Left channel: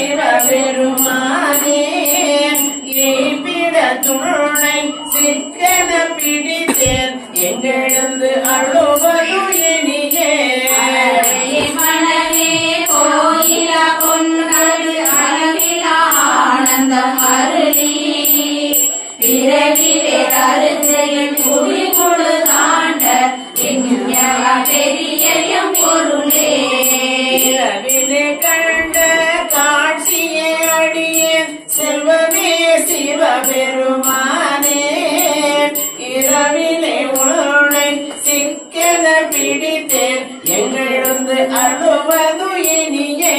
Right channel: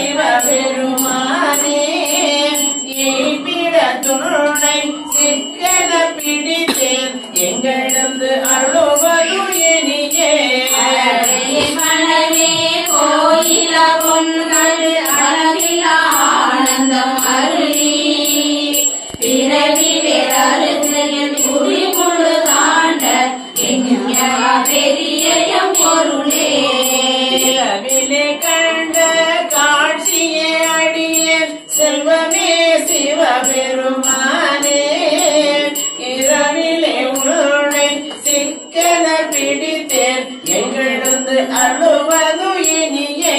சிவபெருமானே ஈப்பிட துணை சிக்கன பிடித்தேன் எங்களது அருளுவது இனியே மனமே கோயில பொன்கள் அளவிலா ஆனந்தம் அருளி பிறவிலே அருகையில் குடி முழு காண்ட பெரிய பொருளே இரவிலே கண்ட காட்சியே அடியேன் செல்வமே சிவபெருமானே இரவிலே உன்னை சிக்கன பிடித்தேன் எங்களது அருளுவது இனியே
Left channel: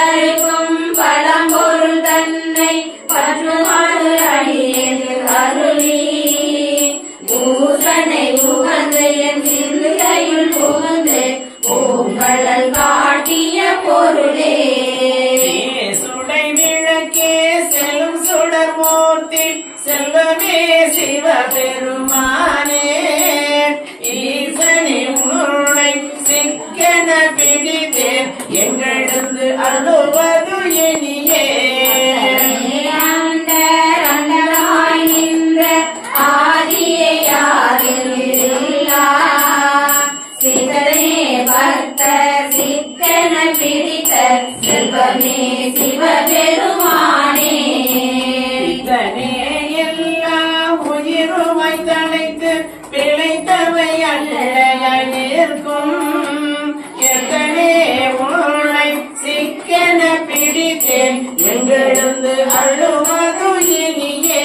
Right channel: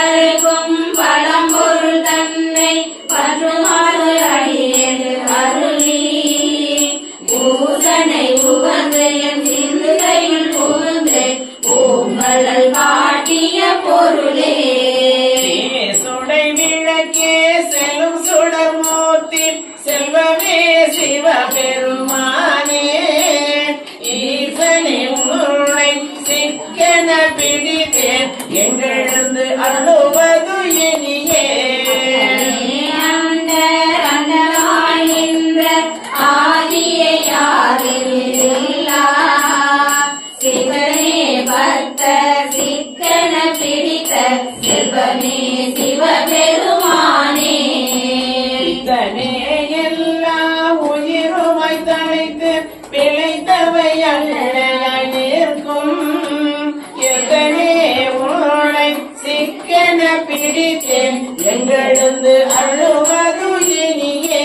அழைக்கும் பழம்பொருள் தன்னை பற்றுமாறு அடியேது அருளி பூசனை புகந்து என் சிந்தையுள் புகுந்து பூங்கழல் காட்டிய பொருளே சுடை விளக்கே செல்லும் சுடமூர்த்தி செல்வமே சிவபெருமானே ஈசனை உன்னை சிக்கன பிடித்தேன் எங்களது அருளுவது இனியே ஆதியை யாரில்லா சிவனே பக்த சிக்கன பிடித்த செல்வமே சிவபெருமானே இதனே எல்லா உயிருமை தனைத்து பிழைத்தவை அல்லலிருக்கும் எத்தனே உன்னை சிக்கன பிடித்தேன் எங்களது அருளுவது இனியே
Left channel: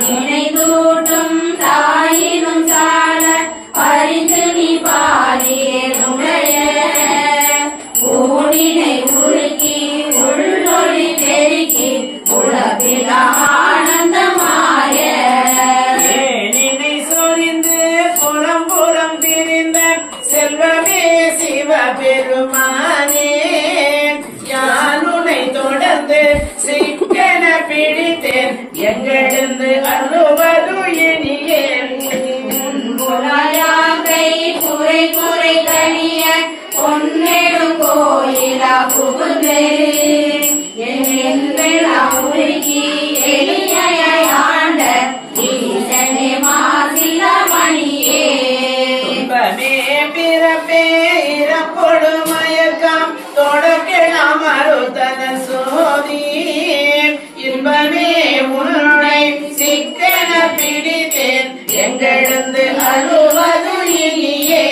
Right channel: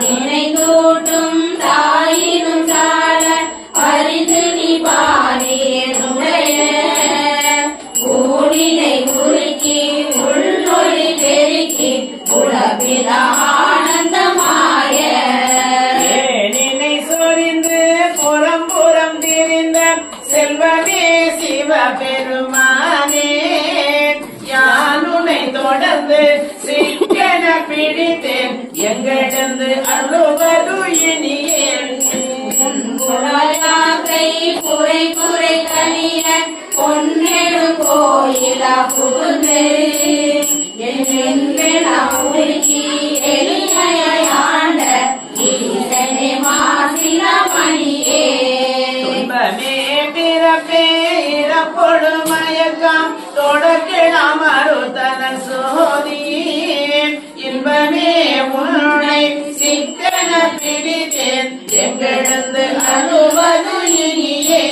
நினைதூட்டும் தாயினும் சால பரிந்து நீ பாலியனுடைய ஊழினை உருக்கி உள்ளொளி பெருக்கி உலகில ஆனந்தமாய ஏனினை சொரிந்து புறம் புறம் திரிந்த செல்வமே சிவபெருமானே யானுனை தொடர்ந்து சிக்கன பிடித்தேன் எங்களது அருளுவது இனியே புலையாகை குறை குறை கணிய பொன்னெடும் கோயில புகுந்து என்றெல்லா உருக்கி எளிமையாய் ஆண்ட ஈசனே மாசில மணியே இன்பமே பிறப்பே இறப்பொடு மயக்கம் தொடக்கலாம் அருத்தன சோதி இன்பமே உன்னை சிக்கன பிடித்தேன் எங்களது அருளுவது இனியே